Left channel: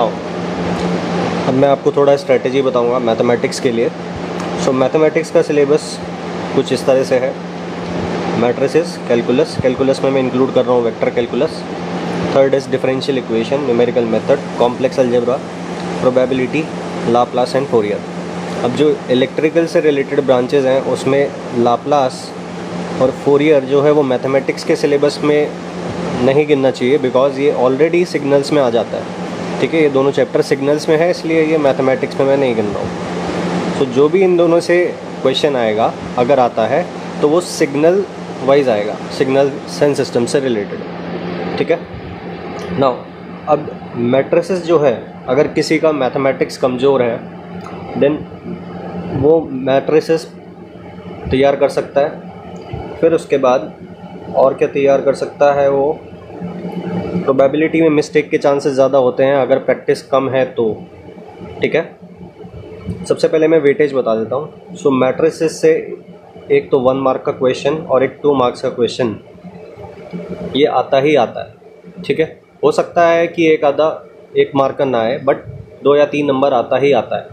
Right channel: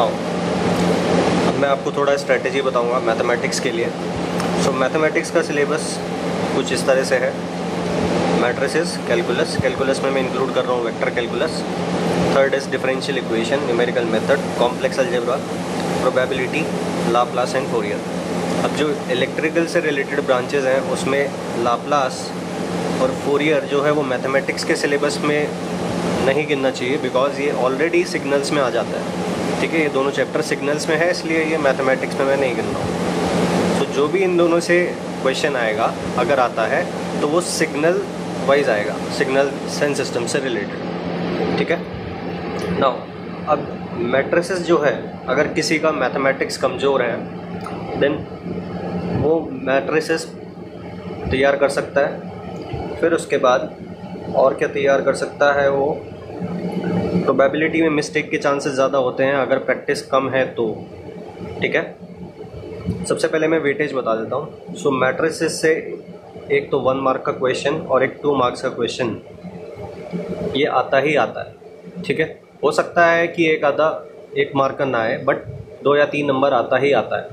Now अब मैं आपको थोड़ा स्ट्रेटेजी बताऊंगा मैथमेटिक्स के लिए। सो मैथमेटिक्स का सिलेबस कुछ इस तरह से है। मैट्रिसेस, कैलकुलस में मैं इंक्लूड कर रहा हूँ vector calculus. Third is differential equation, numerical method, complex algebra, probability, Laplace and Fourier. अब जो इलेक्ट्रिकल से रिलेटेड ब्रांचेज हैं उसमें लाप्लास और फोरियर जो है वो मैथमेटिक्स के सिलेबस में नहीं गिनना चाहिए, बिकॉज ये ऑलरेडी सिग्नल्स में आ जाता है। ठीक है, ये दोनों चैप्टर सिग्नल्स में है, इसलिए ये मैथमेटिक्स में मैं नहीं गिन रहा हूँ। तो जो भी इन दोनों से क्वेश्चन आएगा अगर आता है तो वो सिग्नल वाइज आएगा, सिग्नल सेंस सिस्टम से रिलेटेड। ठीक है, नाउ अब मैट्रिसेस जो है अगर किसी का मैथमेटिक्स कमज़ोर है देन वो मैट्रिसेस तैयार कर सकता है। फिर उसके बाद और क्या तैयार कर सकता है वो, प्रोबेबिलिटी में मिस्टेक के चांसेस ज़्यादा होते हैं अगर प्रैक्टिस कम है तो। ठीक है, सबसे पहले मैं वेटेज बता देता हूँ। सो मैट्रिसेस से एक तो 1 मार्क का क्वेश्चन और एक 2 मार्क्स का क्वेश्चन ये आता ही आता है। ठीक है, हो सकता है कि एक आधा 1 मार्क का ना आए, बट 2 या 3 नंबर आता ही आता है।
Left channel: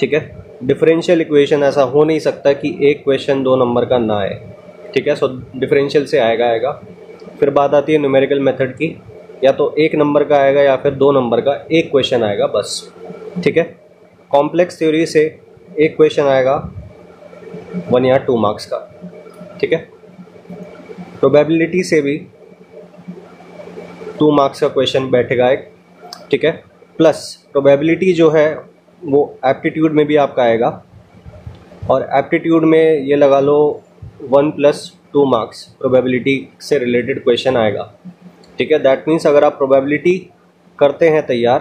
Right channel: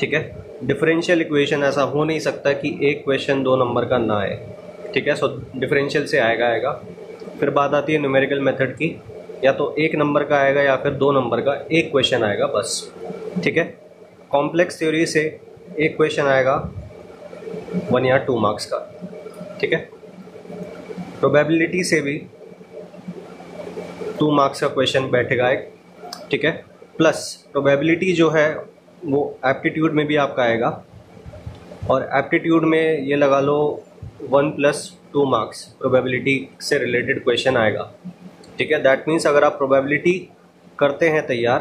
ठीक है, डिफरेंशियल इक्वेशन ऐसा हो नहीं सकता कि एक क्वेश्चन 2 नंबर का ना आए। ठीक है, सो डिफरेंशियल से आएगा। फिर बात आती है न्यूमेरिकल मेथड की, या तो 1 नंबर का आएगा या फिर 2 नंबर का एक क्वेश्चन आएगा बस। ठीक है, कॉम्प्लेक्स थ्योरी से एक क्वेश्चन आएगा 1 या 2 मार्क्स का। ठीक है, प्रोबेबिलिटी से भी 2 मार्क्स का क्वेश्चन बैठेगा एक। ठीक है, प्लस प्रोबेबिलिटी जो है वो एप्टीट्यूड में भी आपका आएगा, और एप्टीट्यूड में ये लगा लो 1 + 2 मार्क्स प्रोबेबिलिटी से रिलेटेड क्वेश्चन आएगा। ठीक है, दैट मीन्स अगर आप प्रोबेबिलिटी करते हैं तैयार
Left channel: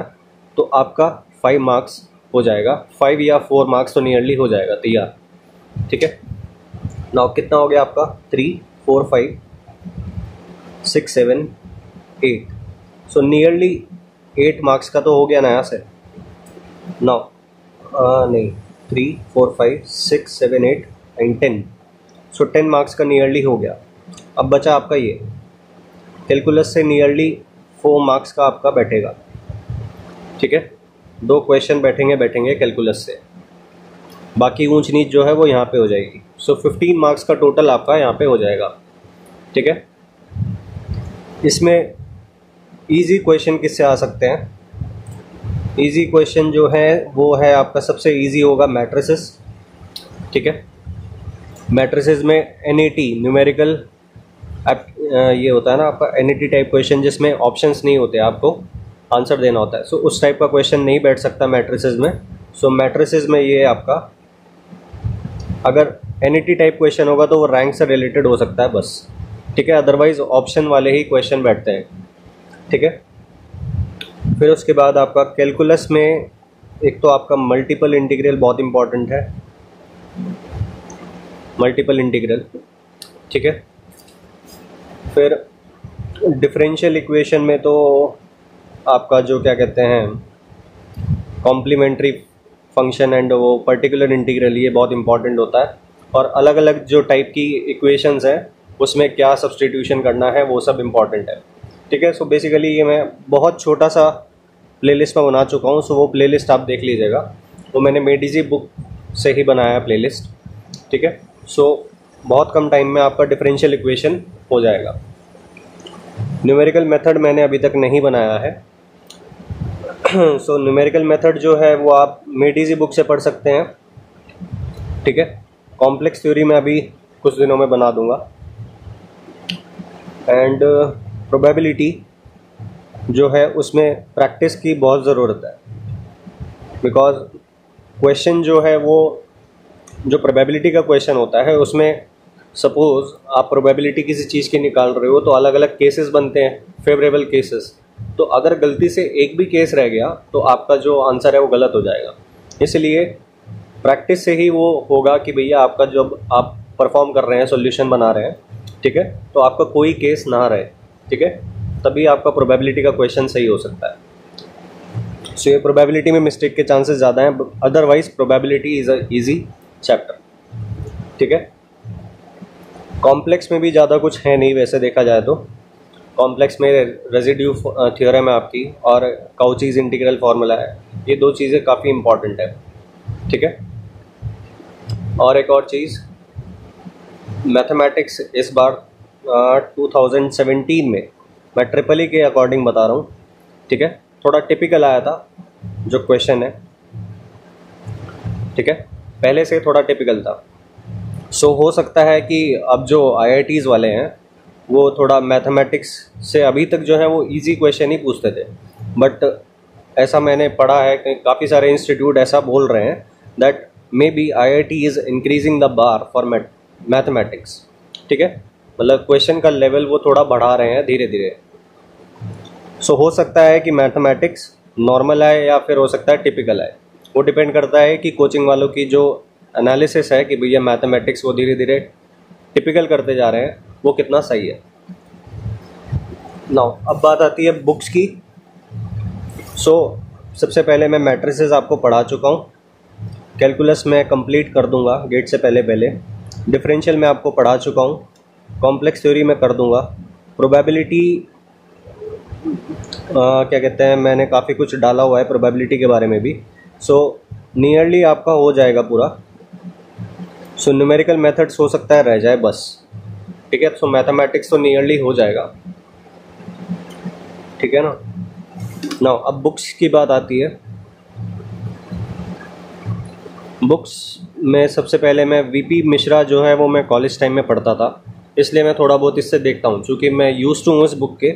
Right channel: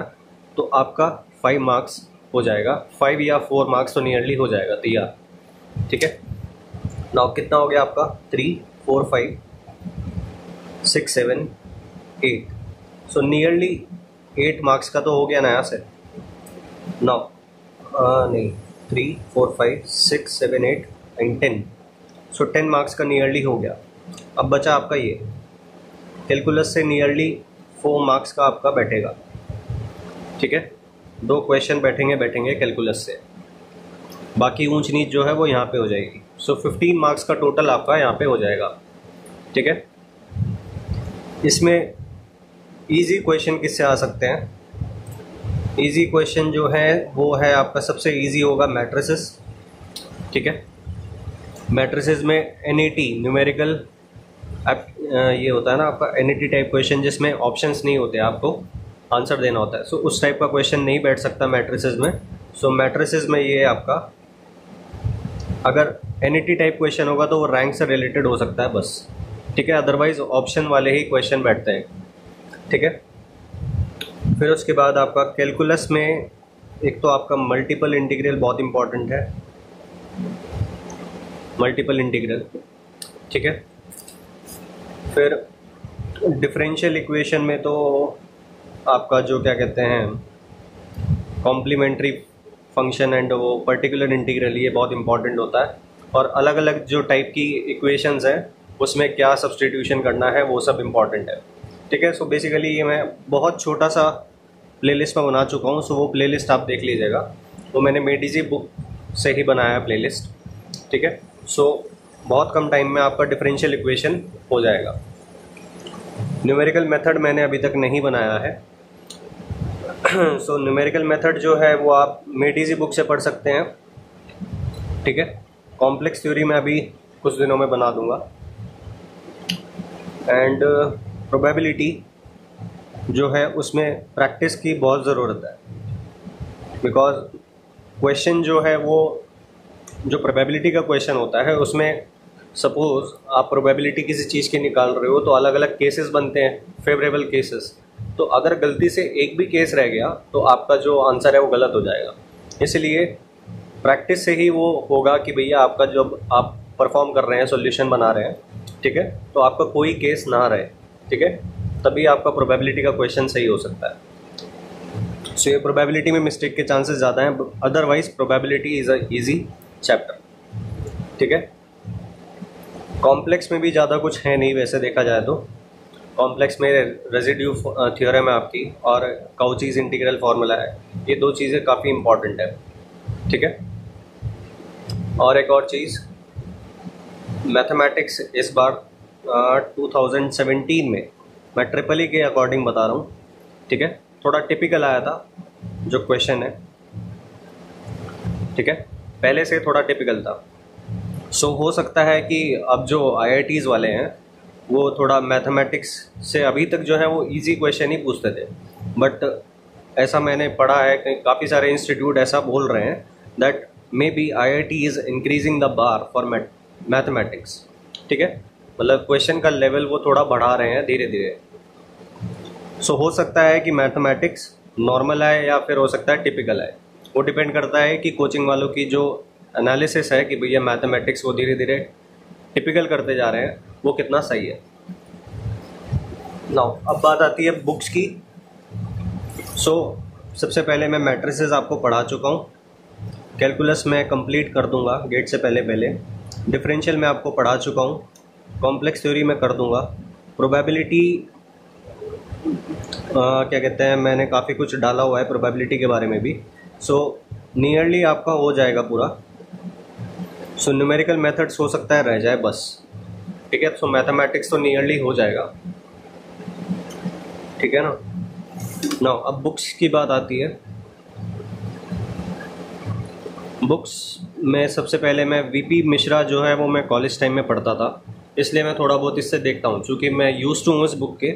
तो आपका 5 मार्क्स हो जाएगा, 5 या 4 मार्क्स तो नियरली हो जाएगा तैयार। ठीक है, नाउ कितना हो गया आपका 3, 4, 5, 6, 7, 8, सो नियरली 8 मार्क्स का तो हो गया ना यहाँ से। नाउ नहीं, 3, 4, 5, 6, 7, 8 एंड 10, सो 10 मार्क्स का नियरली हो गया। अब बचा आपका ये कैलकुलस से नियरली 4 मार्क्स का आपका बैठेगा। ठीक है, 2 क्वेश्चन बैठेंगे कैलकुलस से, बाकी ऊंच नीच जो है वो यहाँ पे हो जाएगी। सो 15 मार्क्स का टोटल आपका यहाँ पे हो जाएगा। ठीक है, इसमें इजी क्वेश्चन किससे आ सकते हैं? इजी क्वेश्चन जो है वो है आपका, सबसे इजी होगा मैट्रिसेस। ठीक है, मैट्रिसेस में एनईटी न्यूमेरिकल ये होता है ना आपका एनईटी टाइप क्वेश्चन, जिसमें ऑप्शंस नहीं होते, आपको आंसर देना होता है। सो उस टाइप का क्वेश्चन नहीं बैठ सकता मैट्रिसेस में। सो मैट्रिसेस में ये आपका अगर एनईटी टाइप क्वेश्चन होगा तो वो रैंक से रिलेटेड हो सकता है बस। ठीक है, अदरवाइज ऑप्शन वाले ही क्वेश्चन बैठते हैं। ठीक है, फिर उसके बाद आपका कैलकुलस में एक तो आपका मल्टीपल इंटीग्रल बहुत इंपॉर्टेंट है, मल्टीपल इंटीग्रल। ठीक है, फिर डिफरेंशियल इक्वेशन में तो आपका जो क्या कहते हैं कॉम्प्लीमेंट्री फंक्शन एंड वो पर्टिकुलर इंटीग्रल, ये बहुत इंपॉर्टेंट होता है। और अलग अलग जो टाइप की इक्वेशंस हैं उसमें क्या सब्स्टिट्यूशन करना है वो सब इंपॉर्टेंट है। ठीक है, सो बेसिकली ये मैं बहुत छोटा सा प्लेलिस्ट में बना चुका हूँ, सो वो प्लेलिस्ट आप देख लीजिएगा, वो मैंने मेडिजी बुक से ही बनाया है प्लेलिस्ट। ठीक है, सो बहुत कम टाइम में आपका डिफरेंशियल इक्वेशन हो जाएगा। न्यूमेरिकल मेथड मैंने अभी तक नहीं बनाया है। सो न्यूमेरिकल मेथड जो है वो आप मेडिजी बुक से पढ़ सकते हैं। ठीक है, कॉम्प्लेक्स थ्योरी में अभी कुछ दिनों में बना दूंगा। एंड प्रोबेबिलिटी जो है उसमें प्रैक्टिस की बहुत ज़रूरत है, बिकॉज क्वेश्चन जो है वो जो प्रोबेबिलिटी का क्वेश्चन होता है उसमें सपोज आप प्रोबेबिलिटी किसी चीज़ की निकाल रहे हो तो अलग अलग केसेस बनते हैं, फेवरेबल केसेस। तो अगर गलती से एक भी केस रह गया तो आपका जो आंसर है वो गलत हो जाएगा। इसलिए प्रैक्टिस से ही वो होगा कि भैया आपका जब आप परफॉर्म कर रहे हैं, सॉल्यूशन बना रहे हैं, ठीक है, तो आपका कोई केस ना रहे। ठीक है, तभी आपका प्रोबेबिलिटी का क्वेश्चन सही हो सकता है। सो ये प्रोबेबिलिटी में मिस्टेक के चांसेस ज़्यादा हैं, otherwise probability is a easy chapter. ठीक है, कॉम्प्लेक्स में भी ज़्यादा कुछ है नहीं वैसे देखा जाए तो। कॉम्प्लेक्स में रेजिड्यू थ्योरम है आपकी, और काउचीज इंटीग्रल फार्मूला है। ये दो चीज़ें काफ़ी इंपॉर्टेंट है, ठीक है। और एक और चीज़, मैथमेटिक्स इस बार 2017 में, मैं ट्रिपल ई के अकॉर्डिंग बता रहा हूँ, ठीक है, थोड़ा टिपिकल आया था जो क्वेश्चन है, ठीक है, पहले से थोड़ा टिपिकल था। सो हो सकता है कि अब जो IITs वाले हैं वो थोड़ा मैथमेटिक्स से अभी तक जो है वो इजी क्वेश्चन ही पूछते थे, बट ऐसा मैंने पढ़ा है कि काफ़ी सारे इंस्टीट्यूट ऐसा बोल रहे हैं that may be IIT is increasing the bar for mathematics, ठीक है, मतलब क्वेश्चन का लेवल वो थोड़ा बढ़ा रहे हैं धीरे धीरे। सो हो सकता है कि मैथमेटिक्स नॉर्मल आए या फिर हो सकता है टिपिकल आए, वो डिपेंड करता है कि कोचिंग वालों की जो एनालिसिस है कि भैया मैथमेटिक्स वो धीरे धीरे टिपिकल करते जा रहे हैं, वो कितना सही है। नाउ अब बात आती है बुक्स की। सो सबसे पहले मैं मैट्रिसेस आपको पढ़ा चुका हूँ, कैलकुलस में कंप्लीट कर दूंगा गेट से पहले पहले, डिफरेंशियल में आपको पढ़ा चुका हूँ, कॉम्प्लेक्स थ्योरी में कर दूंगा, प्रोबेबिलिटी क्या कहते हैं, मैंने काफ़ी कुछ डाला हुआ है प्रोबेबिलिटी के बारे में भी। सो नियरली आपका हो जाएगा पूरा। सो न्यूमेरिकल मेथड्स हो सकता है रह जाए बस, ठीक है। सो मैथमेटिक्स तो नियरली हो जाएगा, ठीक है ना। नाउ अब बुक्स की बात आती है। बुक्स में सबसे पहले मैं VP मिश्रा जो है वो मैं कॉलेज टाइम में पढ़ता था, इसलिए मैं थोड़ा बहुत इससे देखता हूँ, क्योंकि मैं यूज्ड टू हूँ इस बुक के,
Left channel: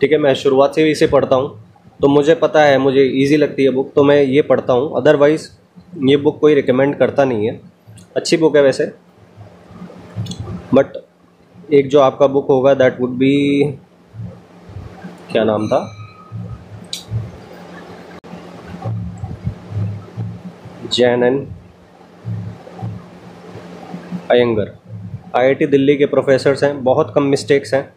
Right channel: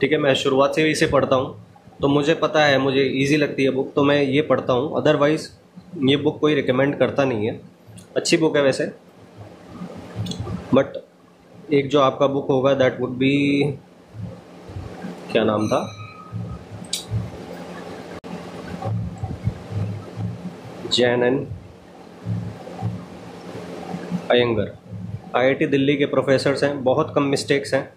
ठीक है, मैं शुरुआत से ही इसे पढ़ता हूँ, तो मुझे पता है, मुझे इजी लगती है बुक, तो मैं ये पढ़ता हूँ। अदरवाइज़ ये बुक कोई रिकमेंड करता नहीं है, अच्छी बुक है वैसे, बट एक जो आपका बुक होगा दैट वुड बी, क्या नाम था, जैन एंड अयंगर, IIT दिल्ली के प्रोफेसर्स हैं, बहुत कम मिस्टेक्स हैं,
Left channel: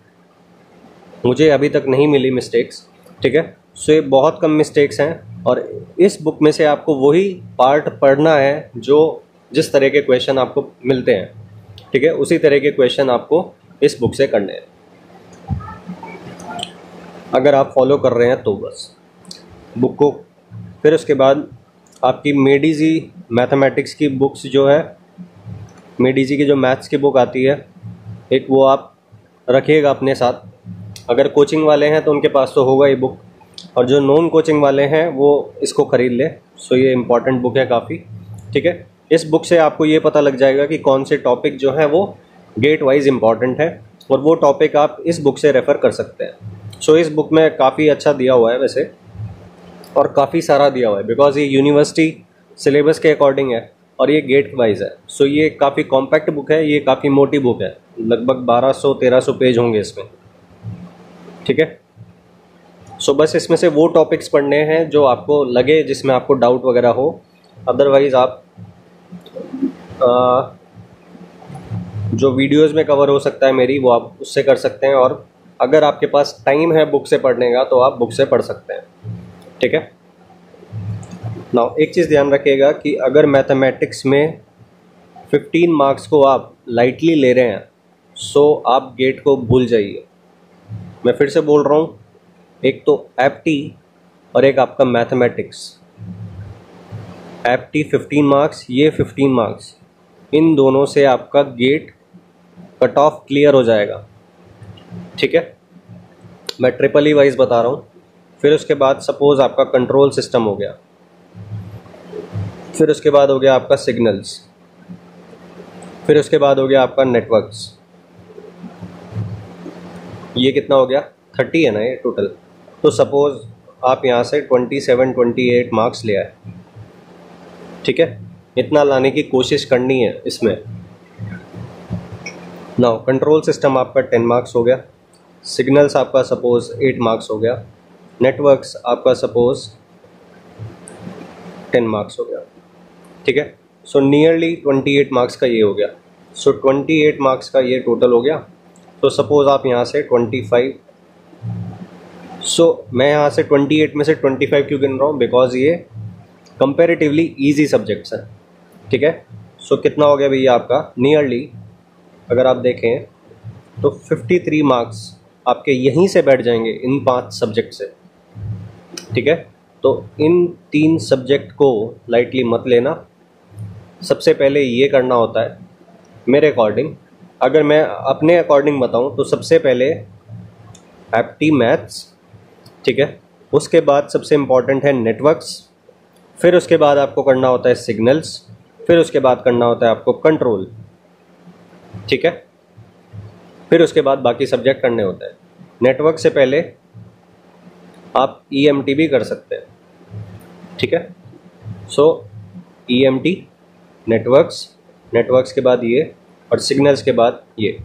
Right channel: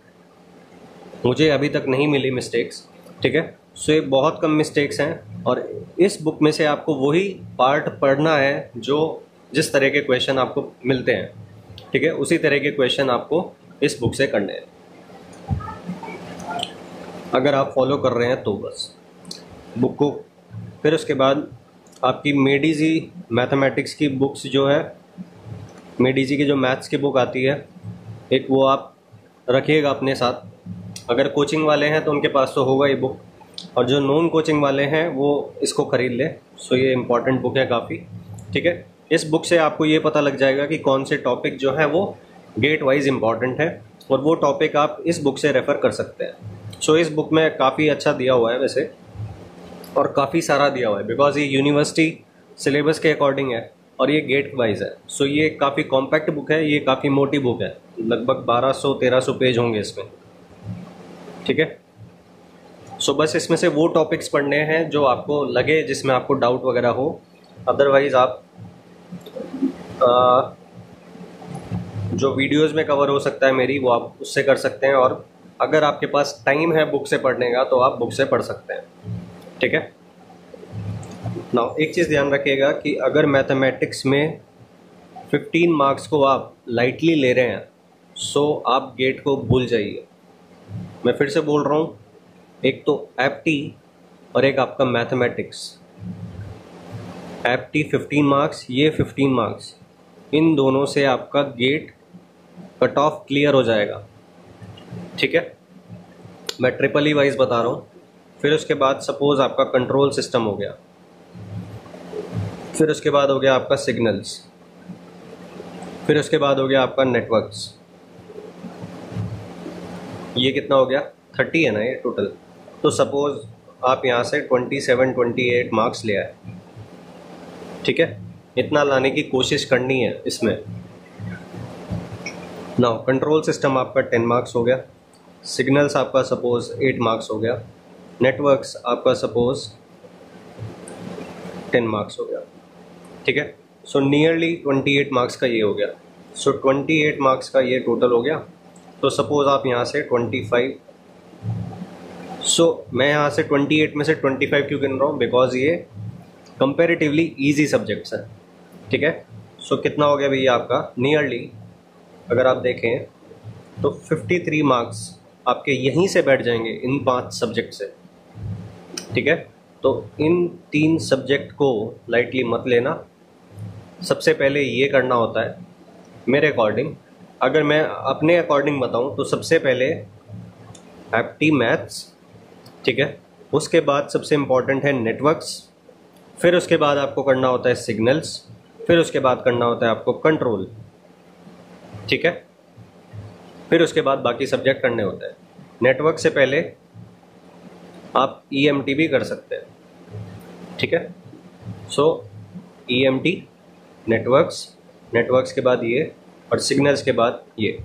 मुझे अभी तक नहीं मिली मिस्टेक्स, ठीक है। सो ये बहुत कम मिस्टेक्स हैं, और इस बुक में से आपको वही पार्ट पढ़ना है जो जिस तरह के क्वेश्चन आपको मिलते हैं, ठीक है, उसी तरह के क्वेश्चन आपको इस बुक से करने हैं, अगर आप फॉलो कर रहे हैं तो बस बुक को। फिर उसके बाद आपकी मेडीजी मैथमेटिक्स की बुक्स जो है, मेडीजी की जो मैथ्स की बुक आती है एक, वो आप रखिएगा अपने साथ। अगर कोचिंग वाले हैं तो उनके पास तो होगा ही बुक, और जो नॉन कोचिंग वाले हैं वो इसको ख़रीद ले। सो ये इम्पॉर्टेंट बुक है काफ़ी, ठीक है। इस बुक से आपको ये पता लग जाएगा कि कौन से टॉपिक जो है वो गेट वाइज इम्पॉर्टेंट है, और वो टॉपिक आप इस बुक से रेफ़र कर सकते हैं। सो इस बुक में काफ़ी अच्छा दिया हुआ है वैसे, और काफ़ी सारा दिया हुआ है, बिकॉज ये यूनिवर्सिटी सिलेबस के अकॉर्डिंग है और ये गेट वाइज है। सो ये काफ़ी कॉम्पैक्ट बुक है, ये काफ़ी मोटी बुक है, लगभग 1200-1300 पेज होंगे इसमें, ठीक है। सो बस इसमें से वो टॉपिक्स पढ़ने हैं जो आपको लगे, जिसमें आपको डाउट वगैरह हो। अदरवाइज आप जो वीडियोस में कवर हो सकता है मेरी, वो आप उससे कर सकते हैं, और अगर आपके पास टाइम है बुक से पढ़ने का तो आप बुक से पढ़ सकते हैं, ठीक है। नाउ एक चीज़ ध्यान रखिएगा कि अगर मैथमेटिक्स में 15 मार्क्स को आप लाइटली ले रहे हैं, सो आप गेट को भूल जाइए। मैं फिर से बोल रहा हूँ, एक तो एप्टी और एक आपका मैथमेटिक्स। एप्टी 15 मार्क्स, ये 15 मार्क्स, इन दोनों से आपका गेट कट ऑफ क्लियर हो जाएगा, ठीक है। मैं ट्रिपल ई वाइज बता रहा हूँ। फिर उसके बाद सपोज आपका कंट्रोल सिस्टम हो गया, फिर उसके बाद हो गया आपका सिग्नल्स, फिर उसके बाद हो गया आपका नेटवर्क्स। ये कितना हो गया, 30 है ना ये टोटल। तो सपोज आप यहाँ से 27-28 मार्क्स ले आए, ठीक है, इतना लाने की कोशिश करनी है इसमें। नाउ कंट्रोल सिस्टम आपका 10 मार्क्स हो गया, सिग्नल्स आपका सपोज 8 मार्क्स हो गया, नेटवर्क्स आपका सपोज 10 मार्क्स हो गया, ठीक है। सो नियरली 28 मार्क्स का ये हो गया। सो 28 मार्क्स का ये टोटल हो गया। तो सपोज आप यहाँ से 25, सो मैं यहाँ से 28 में से 25 क्यों गिन रहा हूँ, बिकॉज ये कंपेरेटिवली इजी सब्जेक्ट्स हैं, ठीक है। सो कितना हो गया भैया आपका, नियरली अगर आप देखें तो 53 मार्क्स आपके यहीं से बैठ जाएंगे इन 5 सब्जेक्ट से, ठीक है। तो इन 3 सब्जेक्ट को लाइटली मत लेना। सबसे पहले ये करना होता है मेरे अकॉर्डिंग, अगर मैं अपने अकॉर्डिंग बताऊं तो सबसे पहले एप्टी मैथ्स, ठीक है। उसके बाद सबसे इम्पॉर्टेंट है नेटवर्क्स, फिर उसके बाद आपको करना होता है सिग्नल्स, फिर उसके बाद करना होता है आपको कंट्रोल, ठीक है। फिर उसके बाद बाकी सब्जेक्ट करने होते हैं। नेटवर्क से पहले आप EMT भी कर सकते हैं, ठीक है। सो EMT, नेटवर्क्स के बाद ये, और सिग्नल्स के बाद ये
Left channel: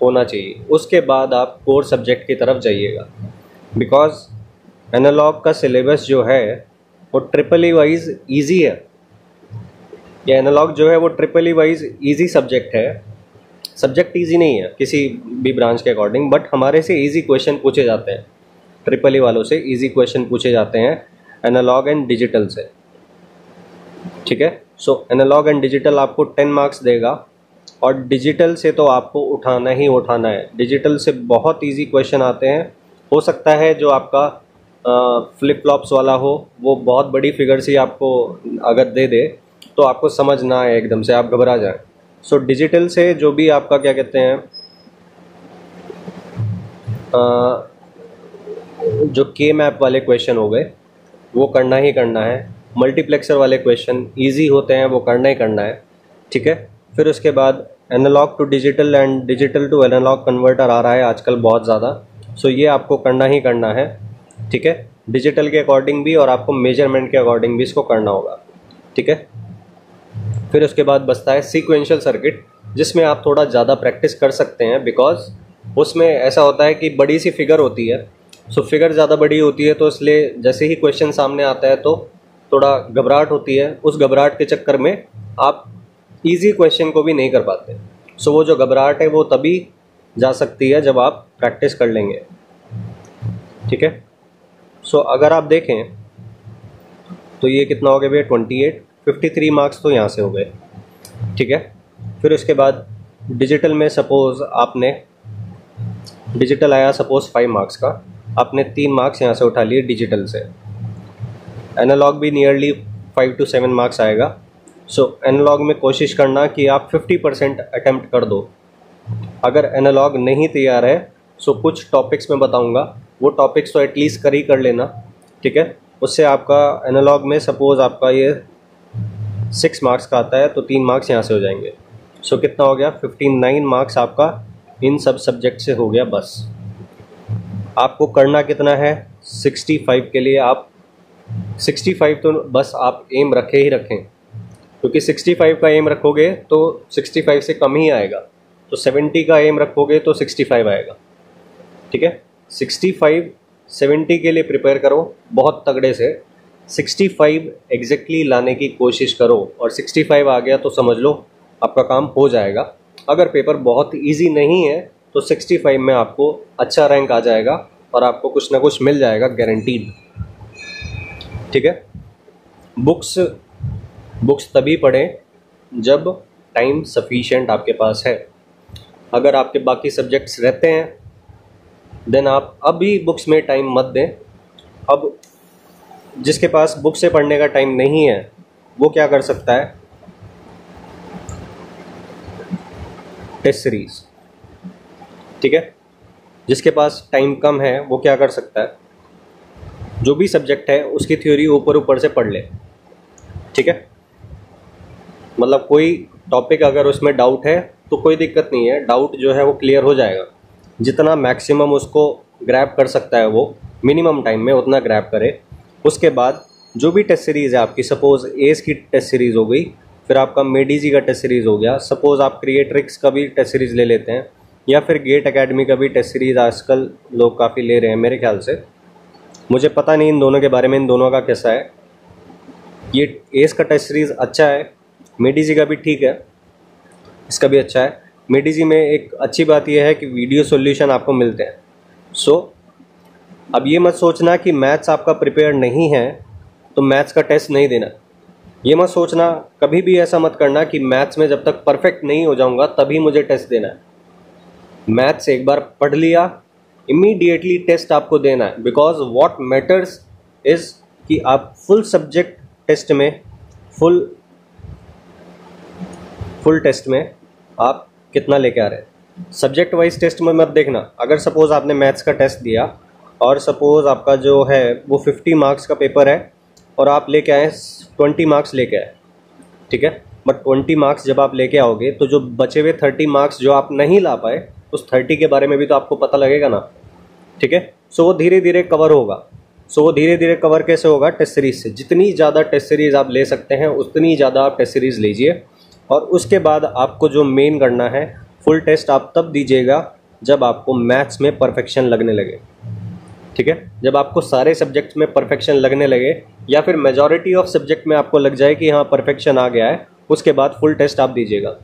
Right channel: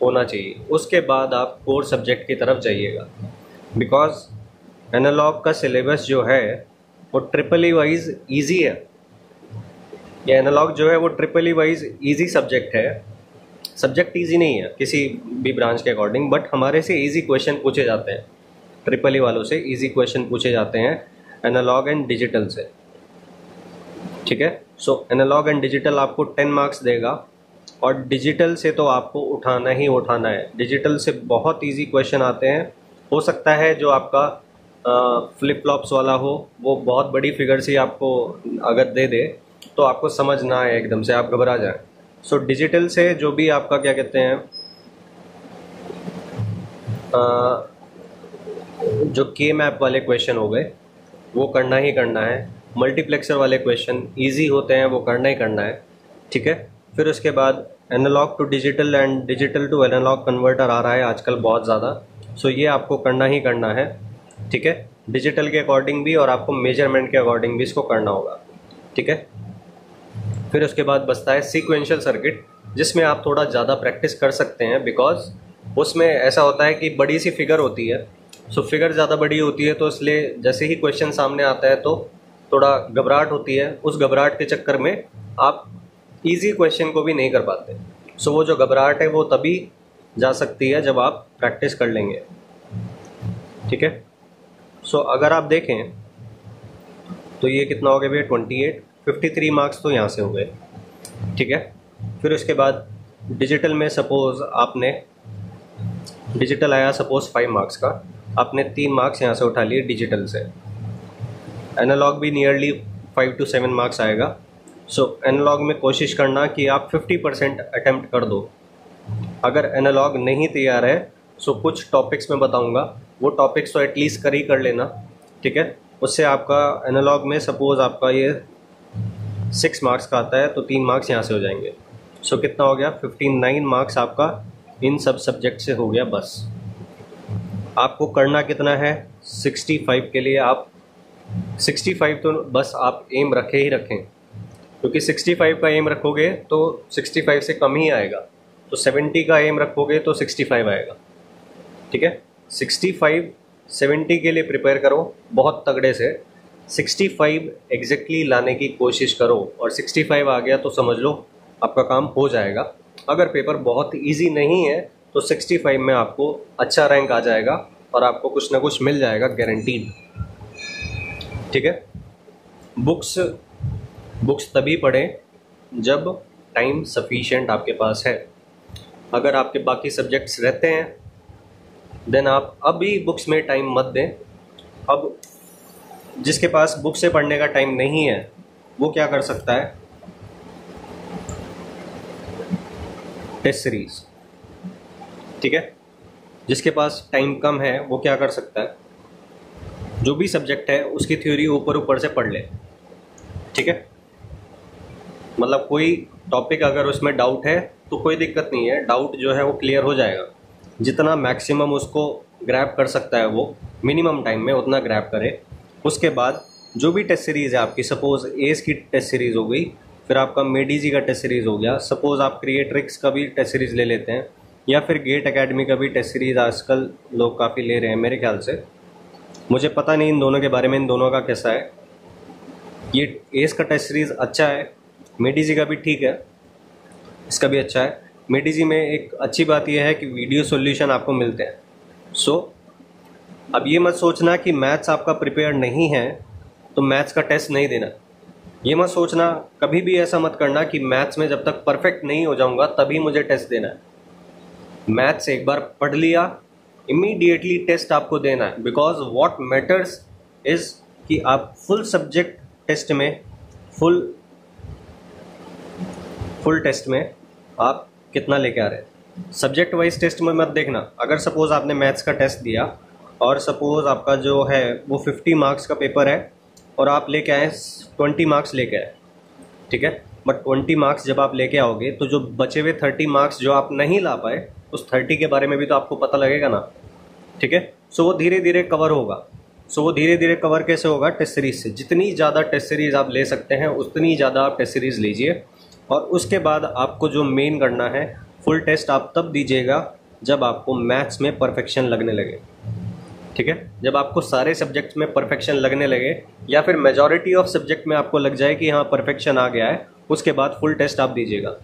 होना चाहिए। उसके बाद आप कोर सब्जेक्ट की तरफ जाइएगा, बिकॉज एनालॉग का सिलेबस जो है वो ट्रिपल वाइज ईजी है। ये एनालॉग जो है वो ट्रिपल वाइज ईजी सब्जेक्ट है। सब्जेक्ट ईजी नहीं है किसी भी ब्रांच के अकॉर्डिंग, बट हमारे से ईजी क्वेश्चन पूछे जाते हैं, ट्रिपल वालों से ईजी क्वेश्चन पूछे जाते हैं एनालॉग एंड डिजिटल से, ठीक है। सो एनालॉग एंड डिजिटल आपको 10 मार्क्स देगा, और डिजिटल से तो आपको उठाना ही उठाना है। डिजिटल से बहुत इजी क्वेश्चन आते हैं। हो सकता है जो आपका फ्लिप फ्लॉप्स वाला हो वो बहुत बड़ी फिगर से आपको अगर दे दे तो आपको समझ ना आए, एकदम से आप घबरा जाए। सो डिजिटल से जो भी आपका क्या कहते हैं जो के मैप वाले क्वेश्चन हो गए वो करना ही करना है। मल्टीप्लेक्सर वाले क्वेश्चन इजी होते हैं, वो करना ही करना है, ठीक है। फिर उसके बाद analogue to digital and digital to analogue converter आ रहा है आजकल बहुत ज़्यादा, सो ये आपको करना ही करना है, ठीक है। डिजिटल के अकॉर्डिंग भी और आपको मेजरमेंट के अकॉर्डिंग भी इसको करना होगा, ठीक है। फिर उसके बाद बचता है सीक्वेंशियल सर्किट, जिसमें आप थोड़ा ज़्यादा प्रैक्टिस कर सकते हैं, बिकॉज उसमें ऐसा होता है कि बड़ी सी फिगर होती है। सो फिगर ज़्यादा बड़ी होती है तो इसलिए जैसे ही क्वेश्चन सामने आता है तो थोड़ा घबराहट होती है। उस घबराहट के चक्कर में आप इजी क्वेश्चन को भी नहीं कर पाते। सो वो जो घबराहट है वो तभी जा सकती है जब आप प्रैक्टिस कर लेंगे, ठीक है। सो अगर आप देखें तो ये कितना हो गया भैया 28, 53 मार्क्स तो यहाँ से हो गए, ठीक है। फिर उसके बाद डिजिटल में सपोज आपने डिजिटल आया सपोज 5 मार्क्स का, आपने 3 मार्क्स यहाँ से उठा लिए डिजिटल से। एनालॉग भी नियरली 5 to 7 मार्क्स आएगा। सो एनालॉग में कोशिश करना कि आप 50% अटेम्प्ट कर दो। अगर एनालॉग नहीं तैयार है सो कुछ टॉपिक्स में बताऊंगा, वो टॉपिक्स तो एटलीस्ट कर लेना, ठीक है। उससे आपका एनालॉग में सपोज आपका ये 6 मार्क्स का आता है तो 3 मार्क्स यहाँ से हो जाएंगे। सो कितना हो गया 59 मार्क्स आपका इन सब सब्जेक्ट से हो गया। बस आपको करना कितना है 65 के लिए, आप 65 तो बस आप एम रखे ही रखें, क्योंकि 65 का एम रखोगे तो 65 से कम ही आएगा, तो 70 का एम रखोगे तो 65 आएगा, ठीक है। 65 70 के लिए प्रिपेयर करो बहुत तगड़े से, 65 एग्जैक्टली लाने की कोशिश करो, और 65 आ गया तो समझ लो आपका काम हो जाएगा। अगर पेपर बहुत इजी नहीं है तो 65 में आपको अच्छा रैंक आ जाएगा और आपको कुछ ना कुछ मिल जाएगा गारंटीड, ठीक है। बुक्स तभी पढ़ें जब टाइम सफिशिएंट आपके पास है। अगर आपके बाकी सब्जेक्ट्स रहते हैं देन आप अभी बुक्स में टाइम मत दें। अब जिसके पास बुक से पढ़ने का टाइम नहीं है वो क्या कर सकता है, टेस्ट सीरीज, ठीक है। जिसके पास टाइम कम है वो क्या कर सकता है, जो भी सब्जेक्ट है उसकी थ्योरी ऊपर से पढ़ ले, ठीक है। मतलब कोई टॉपिक अगर उसमें डाउट है तो कोई दिक्कत नहीं है, डाउट जो है वो क्लियर हो जाएगा। जितना मैक्सिमम उसको ग्रैब कर सकता है वो मिनिमम टाइम में उतना ग्रैब करे। उसके बाद जो भी टेस्ट सीरीज़ है आपकी, सपोज एस की टेस्ट सीरीज़ हो गई, फिर आपका मेडीजी का टेस्ट सीरीज़ हो गया, सपोज आप क्रिएट्रिक्स का भी टेस्ट सीरीज़ ले लेते हैं, या फिर गेट एकेडमी का भी टेस्ट सीरीज़ आजकल लोग काफ़ी ले रहे हैं मेरे ख्याल से। मुझे पता नहीं इन दोनों के बारे में, इन दोनों का कैसा है। ये एस का टेस्ट सीरीज़ अच्छा है, मेडीजी का भी ठीक है, इसका भी अच्छा है। मेडीजी में एक अच्छी बात यह है कि वीडियो सॉल्यूशन आपको मिलते हैं। सो अब ये मत सोचना कि मैथ्स आपका प्रिपेयर नहीं है तो मैथ्स का टेस्ट नहीं देना। ये मत सोचना, कभी भी ऐसा मत करना कि मैथ्स में जब तक परफेक्ट नहीं हो जाऊंगा तभी मुझे टेस्ट देना है। मैथ्स एक बार पढ़ लिया, इमीडिएटली टेस्ट आपको देना है, बिकॉज व्हाट मैटर्स इज कि आप फुल सब्जेक्ट टेस्ट में फुल टेस्ट में आप कितना लेके आ रहे हैं। सब्जेक्ट वाइज टेस्ट में मत देखना। अगर सपोज आपने मैथ्स का टेस्ट दिया और सपोज आपका जो है वो 50 मार्क्स का पेपर है और आप लेके आए 20 मार्क्स लेके आए, ठीक है, बट 20 मार्क्स जब आप लेके आओगे तो जो बचे हुए 30 मार्क्स जो आप नहीं ला पाए, उस 30 के बारे में भी तो आपको पता लगेगा ना, ठीक है। सो वो धीरे धीरे कवर होगा। सो वो धीरे धीरे कवर कैसे होगा? टेस्ट सीरीज से। जितनी ज़्यादा टेस्ट सीरीज आप ले सकते हैं उतनी ज़्यादा आप टेस्ट सीरीज लीजिए, और उसके बाद आपको जो मेन करना है, फुल टेस्ट आप तब दीजिएगा जब आपको मैथ्स में परफेक्शन लगने लगे, ठीक है। जब आपको सारे सब्जेक्ट्स में परफेक्शन लगने लगे या फिर मेजॉरिटी ऑफ सब्जेक्ट में आपको लग जाए कि हाँ परफेक्शन आ गया है, उसके बाद फुल टेस्ट आप दीजिएगा।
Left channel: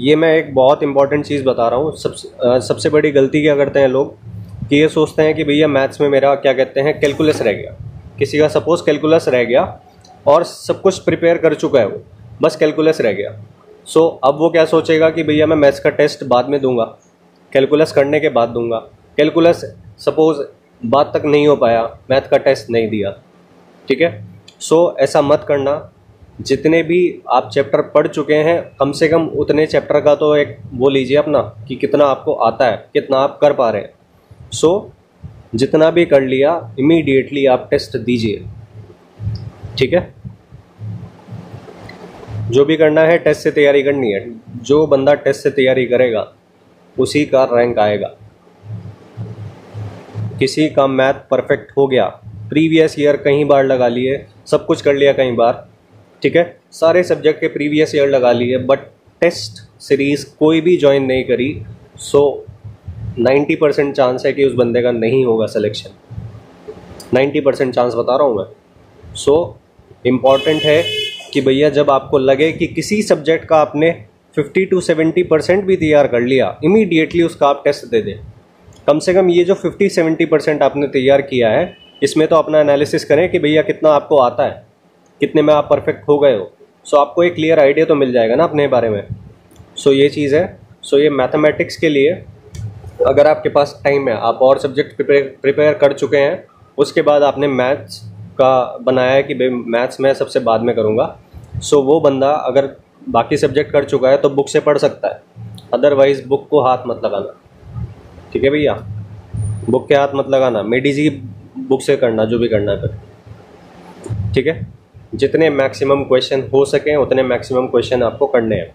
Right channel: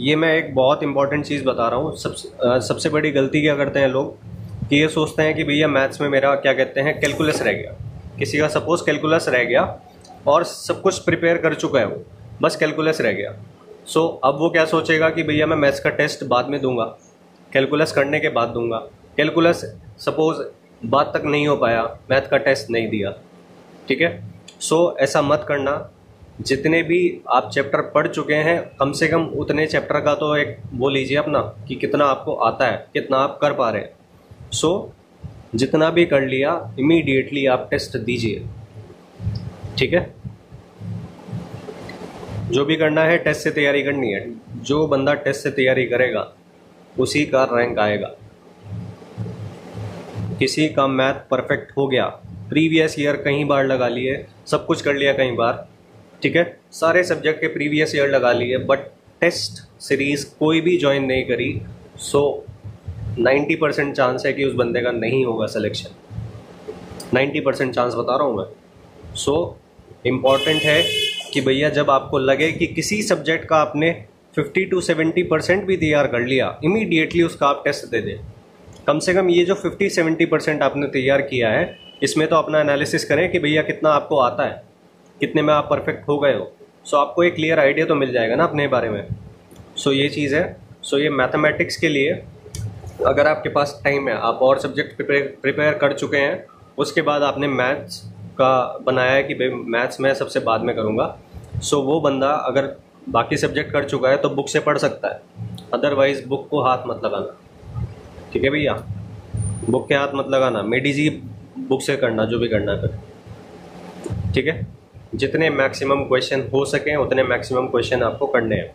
ये मैं एक बहुत इंपॉर्टेंट चीज़ बता रहा हूँ। सबसे बड़ी गलती क्या करते हैं लोग कि ये सोचते हैं कि भैया मैथ्स में मेरा क्या कहते हैं कैलकुलस रह गया। किसी का सपोज कैलकुलस रह गया और सब कुछ प्रिपेयर कर चुका है वो, बस कैलकुलस रह गया। अब वो क्या सोचेगा कि भैया मैं मैथ्स का टेस्ट बाद में दूंगा, कैलकुलस करने के बाद दूंगा। कैलकुलस सपोज बात तक नहीं हो पाया, मैथ का टेस्ट नहीं दिया, ठीक है। ऐसा मत करना। जितने भी आप चैप्टर पढ़ चुके हैं कम से कम उतने चैप्टर का तो एक वो लीजिए अपना कि कितना आपको आता है, कितना आप कर पा रहे हैं। जितना भी कर लिया इमीडिएटली आप टेस्ट दीजिए, ठीक है। जो भी करना है टेस्ट से तैयारी करनी है। जो बंदा टेस्ट से तैयारी करेगा उसी का रैंक आएगा। किसी का मैथ परफेक्ट हो गया, प्रीवियस ईयर कई बार लगा लिए, सब कुछ कर लिया कई बार, ठीक है, सारे सब्जेक्ट के प्रीवियस ईयर लगा लिए, बट टेस्ट सीरीज कोई भी ज्वाइन नहीं करी, 90% चांस है कि उस बंदे का नहीं होगा सिलेक्शन। 90% चांस बता रहा हूँ मैं। इम्पॉर्टेंट है कि भैया जब आपको लगे कि किसी सब्जेक्ट का आपने 50 to 70% भी तैयार कर लिया, इमीडिएटली उसका आप टेस्ट दे दें। कम से कम ये जो 50-70% आपने तैयार किया है, इसमें तो अपना एनालिसिस करें कि भैया कितना आपको आता है, कितने में आप परफेक्ट हो गए हो। आपको एक क्लियर आइडिया तो मिल जाएगा ना अपने बारे में। ये चीज़ है। ये मैथमेटिक्स के लिए अगर आपके पास टाइम है, आप और सब्जेक्ट प्रिपेयर कर चुके हैं, उसके बाद आपने मैथ्स का बनाया है कि भाई मैथ्स मैं सबसे बाद में करूँगा, वो बंदा अगर बाकी सब्जेक्ट कर चुका है तो बुक से पढ़ सकता है, अदरवाइज बुक को हाथ मत लगाना, ठीक है भैया। बुक के हाथ मत लगाना, मेडिजी बुक से करना जो भी करना कर, ठीक है। जितने मैक्सिमम क्वेश्चन हो सके उतने मैक्सिमम क्वेश्चन आपको करने हैं।